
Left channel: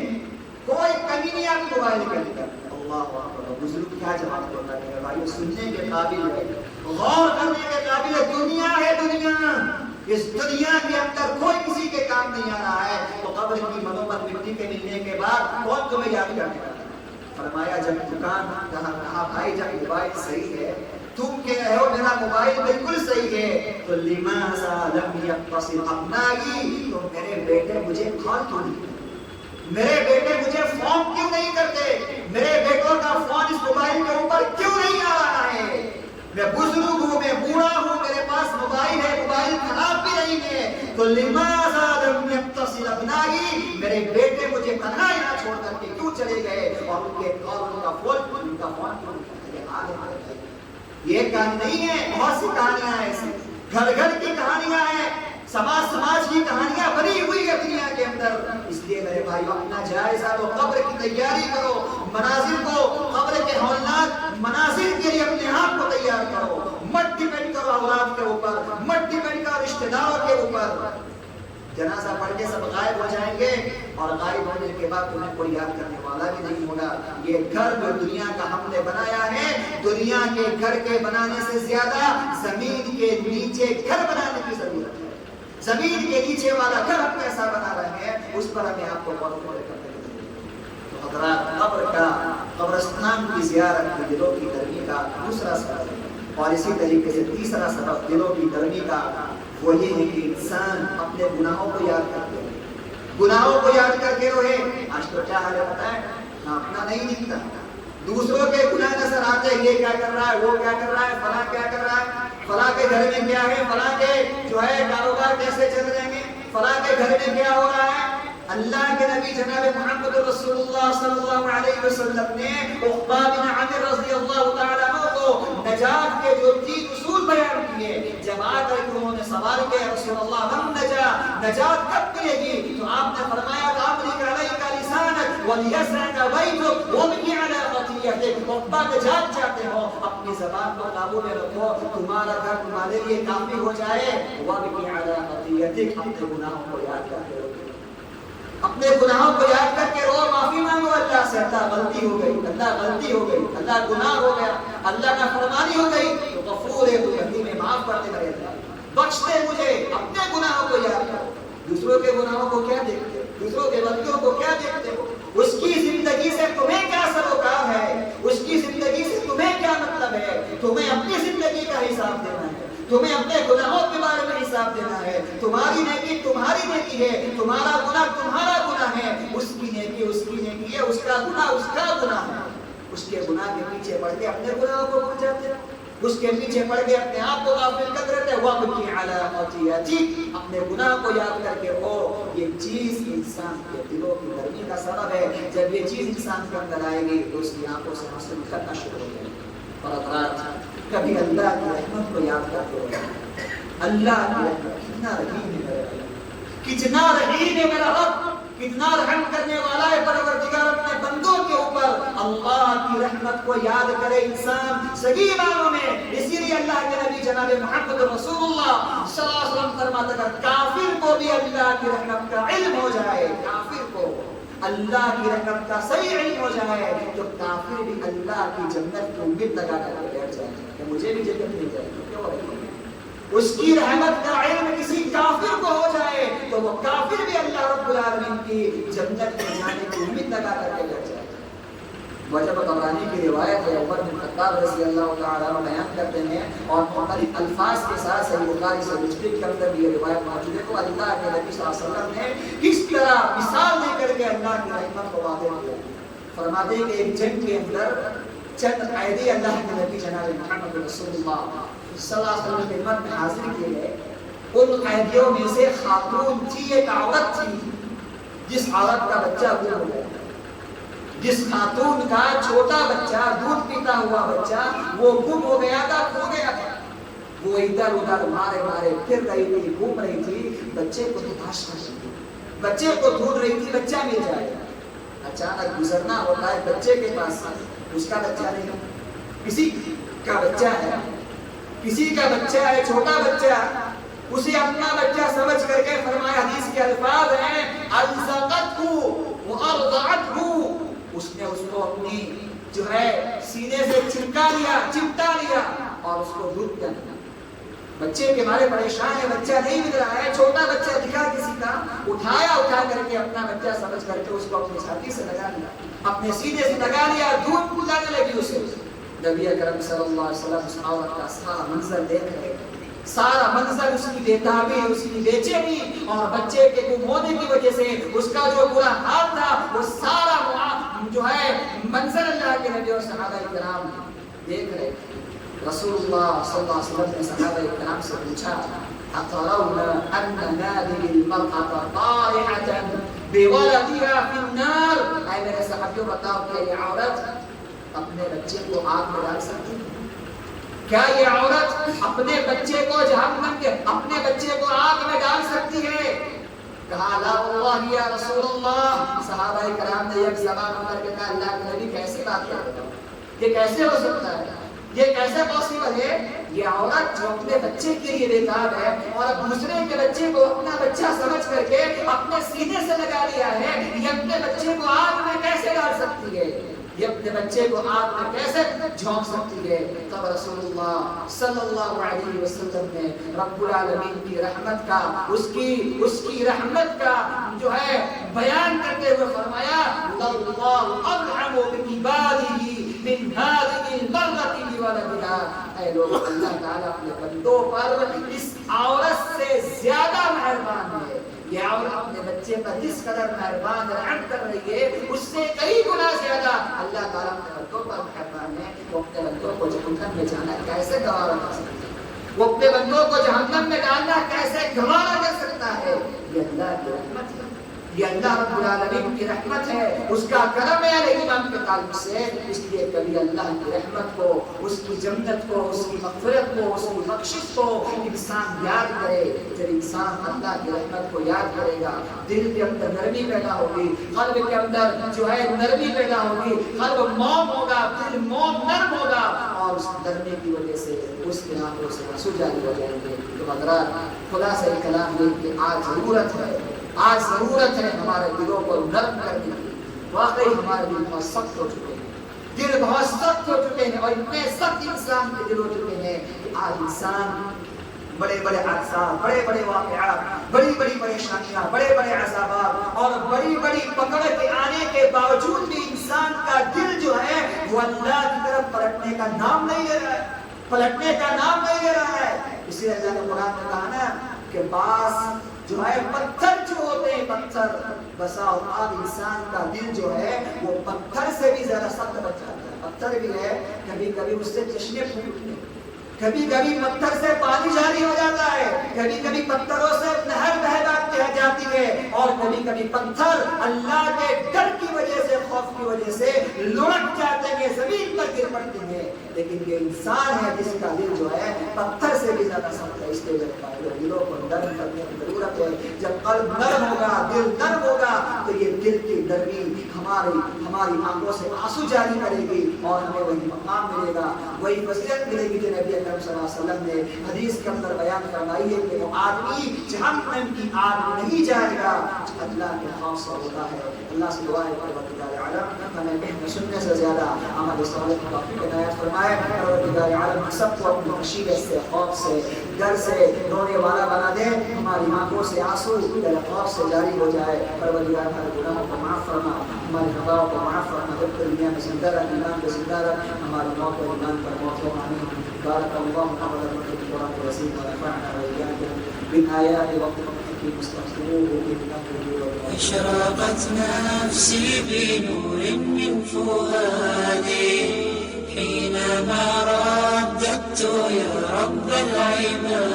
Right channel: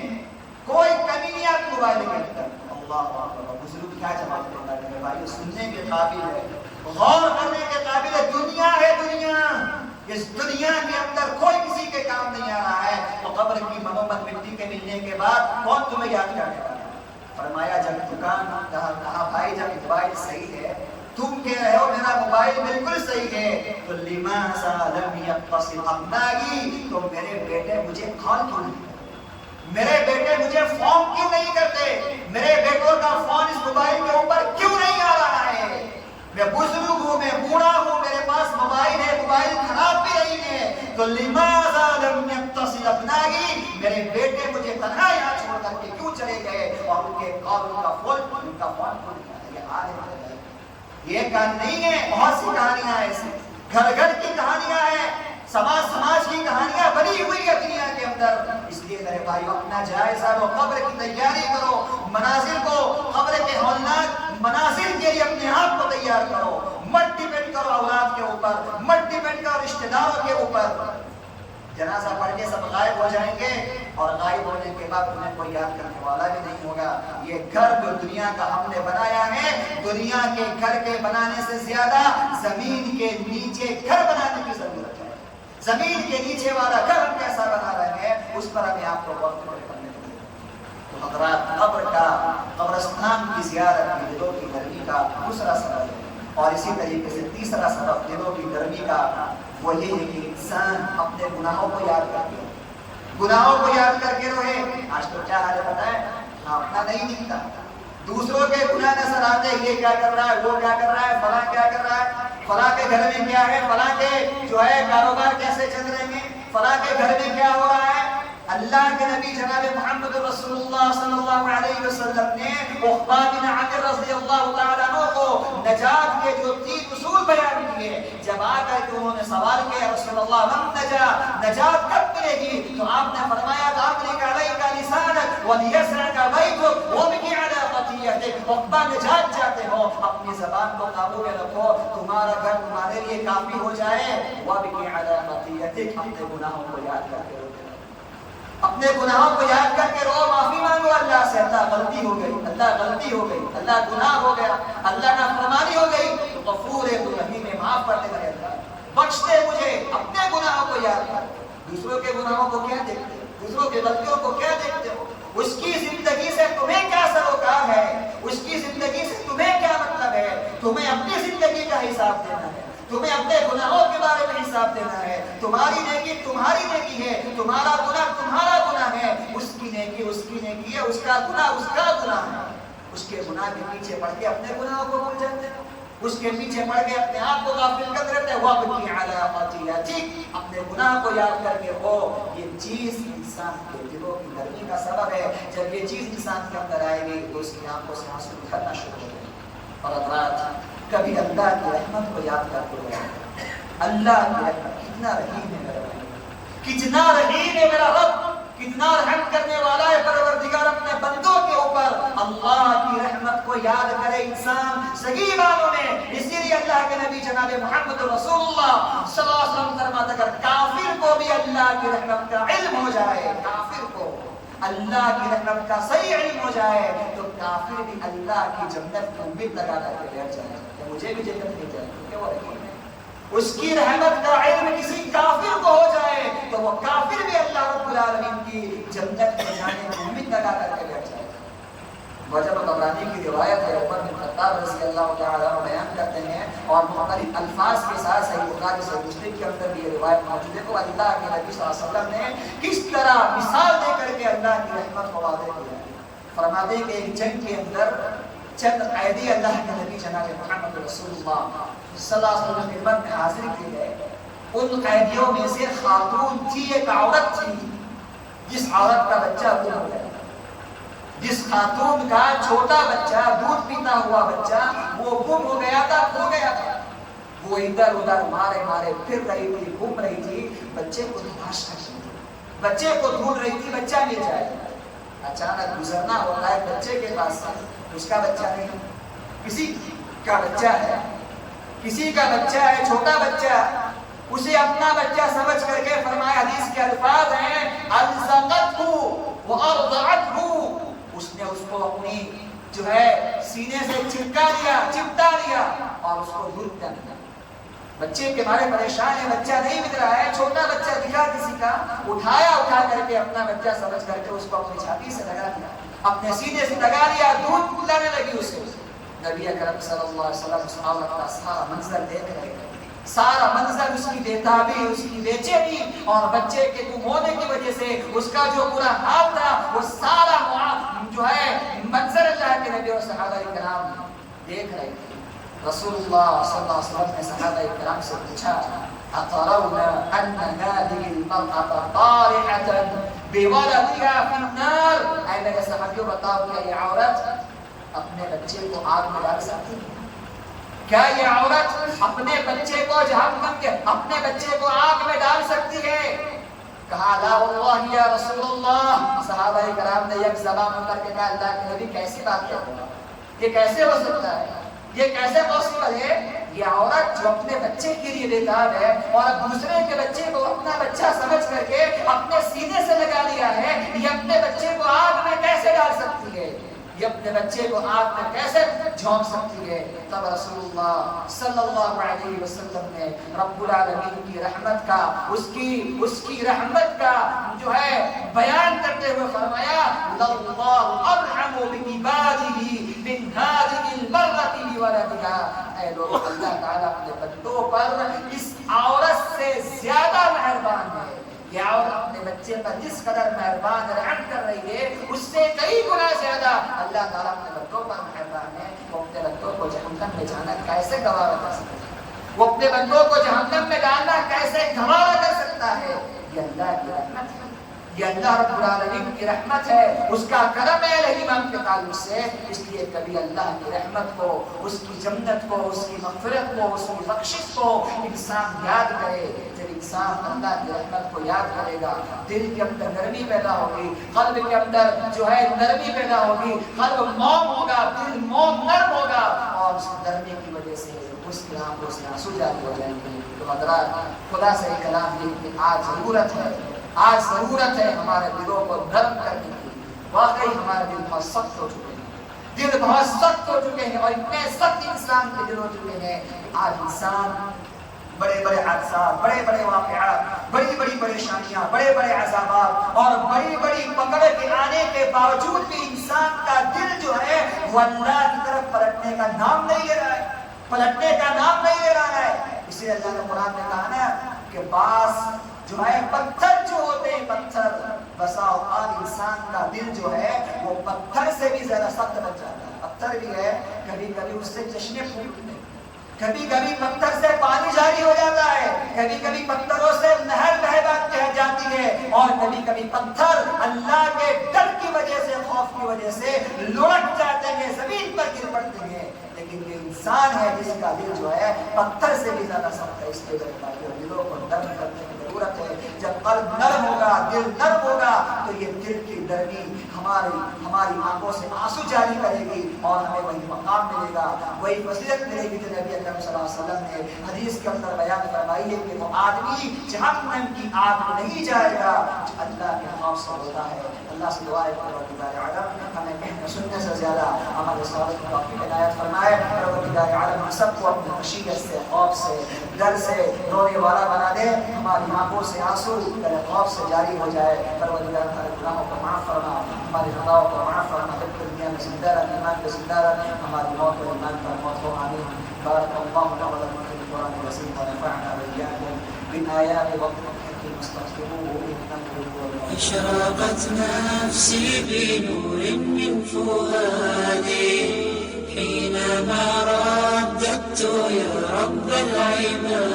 کوئی کمی نہیں آپ کے موبائل کے اندر۔ اللہ اکبر، بزرگ کیا جواب دیتا ہے میرے بھائی؟ سننے کے قابل ہے، غور کرنے کے قابل ہے۔ دنیا ہے دنیا، اس دنیا کے اندر کوئی کسی کے کام نہیں آ رہا ہے، تو قبر کی منومت مٹی کے ملنے کے بعد کون تمہیں یاد کرنے والا ہے؟ فرمایا جب دکان کہا بھائی جب موبائل صحیح ہے، تم کہہ رہے ہو میرا موبائل بالکل صحیح ہے، تو لماذا لم يتصل ابنائی، تو میرے بیٹے مجھے کال کیوں نہیں کرتے، میرے بیٹے مجھے فون کیوں نہیں کرتے، میرے بیٹوں کا فون اس موبائل کے اوپر کیوں نہیں آ رہا ہے؟ میں بزرگ ہوں، میں بوڑھا ہوں، میرے پاس موبائل ہے، موبائل خراب بھی نہیں ہے، تو لماذا لم يتصل ابنائی، میرے بیٹے مجھے تنہا یہاں چھوڑ کر کے کیوں چلے گئے اور ان کے کال کا فون ان کا فون کیوں نہیں کرتے؟ یہ حال ہے۔ یہ کہانی نہیں ہے، بہت سی کہانیاں ہیں ایسی، گھر گھر کی کہانیاں ہیں، سماج کی کہانیاں بنی ہوئی ہے دنیا کے اندر۔ اس لیے میرے بھائی اپنا جائزہ لو، قبر کی تیاری کرو، مناظر کو، قبر کے ہولناک مناظر کے لیے اپنے آپ کو تیار کرو، مت ڈیپینڈ کرو اولاد کے اوپر، مت ڈیپینڈ کرو رشتہ داروں کے اوپر۔ جنازہ پڑھ کے سب غائب ہو جائیں گے اور غائب ہونے کے بعد تمہیں کوئی یاد کرنے والا بھی نہیں ہوگا۔ یہ گھر جو دنیا کا ہم نے بنایا ہے، دنیا کے گھر کے بنانے سے زیادہ زمین کے نیچے گھر بنانے کی ضرورت ہے۔ زمین کے نیچے والا گھر ہم کیسا بنا رہے ہیں، اس پر ہمیں آپ کو غور کرنے کی ضرورت ہے۔ تو حضرات، قبر کا، قبرستان کی زیارت کی دلوں کی نرمی کا دوسرا سبب ہے، اور اسی طریقے سے تیسرا سبب دلوں کی نرمی کا وہ یہ ہے کہ انسان اپنے گناہوں کو یاد کر کے رہے، گناہوں کو یاد کر کے رہے۔ آج تو کیا حال ہے بتائیں، اپنا نہیں دکھتا، دوسروں کے گناہ نظر آتے ہیں، یہ کیا کر رہا ہے، وہ کیا کر رہا ہے، فلاں کیا کر رہا ہے، فلاں کے گھر میں کیا ہے، فلاں کے جو ہے کاروبار کیسے چل رہے ہیں، فلاں کے گھر میں کیا ہو رہا ہے۔ اللہ کے نبی جناب محمد رسول اللہ صلی اللہ علیہ وسلم نے عقبہ بن عامر رضی اللہ تعالیٰ عنہ کو نجات کے جو 3 اصول بیان کیے، جب آ کر کے انہوں نے سوال کیا رسول اللہ من نجات کب ملے گی، تو آپ نے فرمایا امسک علیک لسانک ولیسعک بیتک وابکی علی خطیئتک۔ عقبہ نجات چاہتے ہو، اپنی زبان کو قابو میں رکھو، تمہارا گھر تمہارے لیے کافی ہو جائے، وابکی علی خطیئتک، اپنے گناہوں کو یاد کرتے رہو، اپنے گناہوں کو یاد کر کے رو، معافی مانگو اللہ سے، اللہ غلطی ہو گئی، اللہ غلطی ہو گئی، اللہ گناہ ہو گیا، اللہ نافرمانی ہو گئی، تو غفور ہے، تو رحیم ہے، معاف کر دے میرے اللہ، بخش دے مجھے۔ اپنے گناہوں کو یاد کرو، دوسروں کے گناہوں کو کیا دیکھتے ہو، دوسروں کے غلطیوں کو کیا دیکھتے ہو، اس کی زندگی سے تمہیں کیا سروکار ہے، اس کی زندگی سے تمہیں کیا مطلب ہے، تمہیں اپنی زندگی کا حساب دینا ہے، تمہیں اپنے گناہوں کے بارے میں حساب دینا ہے۔ تمہاری نیکی تمہاری نیکی ہے، تمہارا گناہ تمہارا گناہ ہے، اس کی نیکی اس کی نیکی ہے، اس کا گناہ اس کا گناہ ہے۔ اس کے گناہ کے پیچھے پڑھ کے اپنے گناہوں کو بھول جاتے ہیں، اس کے پیچھے پڑھ کے اپنے آپ کو غافل کر رہتے ہیں۔ وابکی علی خطیئتک، اپنے گناہ کو یاد کر کے رہو۔ یہ چیز انسان کے دلوں کی نرمی کا سبب ہے۔ جب یہ چیز انسان کے اندر آئے گی تو اس کی آنکھوں سے آنسو نکلنا شروع ہو جائے گے۔ اور حضرات، کبھی اللہ کی رحمت کو یاد کرتے ہوئے، اللہ کی رحمت کتنا رحیم ہے میرا بھائی، کتنا رحیم ہے میرا رب، کتنا رحم کرنے والا ہے پروردگار اپنے بندوں کے اوپر۔ اللہ کی رحمت کو یاد کرے انسان صحیح معنوں میں۔ اسی لیے اللہ کے نبی جناب محمد رسول اللہ صلی اللہ علیہ وسلم فرماتے اگر کافر کو بھی اللہ کی رحمت کا علم ہو جائے، کافر کو اللہ کی رحمت کا صحیح علم ہو جائے تو کافر بھی اللہ کی جنت کی امید لگا کر کے بیٹھ جائے کہ مجھے بھی جنت مل جائے گی. کیوں رہی ہے اس کی رحمت کا علم کسی کافر کو ہو جائے تو وہ کافر بھی اللہ رب العالمین کی جنت میں جانے کی امید لگا کر کے بیٹھ جائے. وجب طبرانی کی روایت ہے عمر بن خطاب رضی اللہ تعالی عنہ بیان کرتے ہیں اور مختلف الفاظ کے ساتھ صحیح بخاری صحیح مسلم کے اندر بھی یہ روایت موجود ہے کہ اللہ کے نبی صلی اللہ علیہ وسلم نے کس طرح مثال دے کر کے اللہ کی رحمت کو واضح کیا. فرماتے ہیں کہ ایک جنگ کے اندر چند قیدی اللہ کے نبی جناب محمد رسول اللہ صلی اللہ علیہ وسلم کی خدمت میں حاضر کیے گئے. ان قیدیوں میں سے خاتون تھی, ایک عورت تھی جس عورت کا بچہ گم ہو گیا, جس خاتون کا چھوٹا بچہ دودھ پیتا ہوا بچہ وہ گم ہو گیا تھا, کھو گیا تھا. وہ ادھر ادھر مارے مارے پھر رہی تھی, گھوم رہی تھی, بچے کو تلاش کر رہی تھی, بچے کو ڈھونڈ رہی تھی بچہ مل جائے. اچانک گزرنا ہوتا ہے بچے کے پاس, اس کا بچہ نہیں, کسی کا بچہ ہے, کسی کا بچہ ہے, چھوٹا بچہ, اسے اپنا بچہ سمجھ کر کے فرمایا حدیث کے الفاظ ہیں الزقتہ وارضعتہ, اس نے اس کو اپنی جو ہے سینے سے چمٹا لیا اور اس کو دودھ پلانے لگا. بچے کے مارے پریشان ہے, بچہ نہیں مل رہا ہے, چھوٹا بچہ دکھا کسی کا, اٹھا کر کے اپنا بچہ سمجھ کر کے اس کو اپنی چھاتی سے لگا لیا, اپنے سینے سے لگا لیا, دودھ پلانے لگی اسے. نبی اکرم صلی اللہ علیہ وسلم اس عورت کا سارا منظر دیکھ رہے, سارا منظر, اس کی بےتابی, اس کی بے چینی اور بچے کے گم ہونے کی وجہ سے اس کا جو برا حال تھا وہ سارا جو ہے منظر اللہ کے نبی اور صحابہ کرام دیکھ رہے تھے. رسول اللہ صلی اللہ علیہ وسلم نے صحابہ کرام سے پوچھا اترون ان هذه المرأة طارحة بولدها في النار, اے میرے صحابیوں بتاؤ کیا یہ عورت اپنے بچے کو آگ میں ڈال سکتی ہے؟ کیا یہ عورت اپنے بچے کو جہنم کے, اپنے بچے کو آگ میں ڈال سکتی ہے؟ کہا لا واللہ یا رسول اللہ. صحابہ کرام نے یک زبان ہو کر کے کہا اللہ کے نبی کیسی بات کر رہے ہیں, یہ کیسے ہو سکتا ہے, یہ کیسے پاسبل ہے؟ یہ عورت جو اپنے بچے کے لیے بےتاب ہے اور دوسرے کے بچے کو اپنا بچہ سمجھ کر کے اپنے سینے سے لگا لیا ہے, یہ اپنے بچے کو آگ میں کیسے ڈال سکتی ہے, یہ اپنے بچے کو آگ میں کیسے جھونک سکتی ہے؟ تب رسول اللہ صلی اللہ علیہ وسلم نے رب العالمین کی رحمت کا, اس کی رحمت کا جو ہے بیان کرتے ہوئے فرمایا اللہ ارحم بعباده من هذه المرأة بولدها. اے لوگ, اللہ تعالیٰ اپنے بندوں پر اس عورت سے زیادہ مہربان ہے. یہ عورت اپنے بچے پر جس قدر مہربان رحم کر رہی ہے اس سے کئی گنا زیادہ اللہ تعالیٰ اپنے بندوں پر مہربان ہے. وہ اپنے بندوں کو جہنم میں جانا کیسے گوارا کر سکتا ہے, وہ اپنے بندوں کو جہنم میں ڈالنا کیسے گوارا کر سکتا ہے؟ یہ اللہ کی رحمت ہے, یہ اللہ رب العالمین کی رحمت ہے, اس کا کرم ہے رحیم کے تعلق سے. اس لیے کبھی اللہ کی رحمت کو, اس کی جنت کو, اس کی مغفرت کو, اس کی بخشش کو انسان یاد کرے. جب انسان اللہ کی رحمت کو یاد کرے گا دل کے اندر نرمی پیدا ہوگی, قلب کے اندر جو ہے نرمی پیدا ہوگی, قلب موم ہوگا, دل موم نرم ہوگا اور اس نرمی کی وجہ سے اس کی آنکھوں سے آنسو جاری ہو جائیں گے. تو حضرات خلاصہ کلام یہ کہ آج ضرورت ہے ہمارے دلوں کو نرم کرنے کی. واقعی ہمارے دل بہت سخت ہو چکے ہیں, دل بہت سخت ہو چکے ہیں اور اتنے سخت انسان کے دل ہو چکے ہیں کہ آج انسان بڑے بڑے حادثات, بڑے بڑے واقعات, بڑی بڑی پریشانیاں, بڑے بڑے عذابات اور بڑی بڑی پکڑ کے آنے کے باوجود بھی انسان کا دل جو ہے وہ اللہ کی طرف پلٹنے کا نام نہیں لے رہا ہے, پلٹنے کا نام نہیں لے رہا ہے. اس لیے اللہ نے قرآن میں کہا نا کہ بعض جو ہے پتھر جو ہوتے ہیں, پتھر, بسا اوقات انسان کا دل جو ہے وہ پتھر سے بھی زیادہ سخت بن جاتا ہے. پتھر بھی ہے, کبھی کبھی اس سے چشمے پھوٹتے ہیں, کبھی کبھی پتھر سے پانی جاری ہو جاتا ہے, کبھی کبھی پتھروں سے نہر بہہ جاتی ہے اور کبھی کبھی پتھر اللہ کے ڈر کی وجہ سے, خوف کی وجہ سے لڑک جاتے ہیں, زمین پر گر پڑتے ہیں، لیکن یہ انسان ہے جس کا دل جو ہے پتھر سے بھی زیادہ سخت ہے. اس لیے دلوں کو نرم کرنے کی ضرورت ہے. جب قلب نرم ہوگا، دل نرم ہوگا، تو یہ دل کی نرمی ہماری آنکھوں سے آنسو جاری کرے گی اور ہمیں وہی مقام ملے گا، وہی فضیلت ملے گی جو نبی اکرم صلی اللہ علیہ وسلم نے حدیث کے اندر بیان فرمائی ہے کہ وہ آدمی جہنم کی آگ میں نہیں جائے گا جو اللہ کے خوف سے ہوتا ہے. اللہ سے دعا ہے پروردگار عالم ہمیں کہنے سننے سے زیادہ عمل صالح کی توفیق عنایت فرمائے. پروردگار عالم سب کو اپنی خشیت سے، خوف سے، ڈر سے رونے والا بنا دے. ہماری آنکھوں سے آنسو خوف سے جاری ہو جائے. پروردگار ہمارے گناہوں کو معاف فرما، ہماری خطاؤں کو معاف فرما. جب تک دنیا میں زندہ رکھ، ایمان پہ زندہ رکھ، ہماری موت کو ایمان پر موت ہو. آمین. بارک اللہ تعالی لنا في القرآن العظيم ونفعنا وإياكم بالآيات والذكر الحكيم. استغفروه إنه هو الغفور. أشرقت نفسي بنور من فؤادي حينما رددت يا رب العباد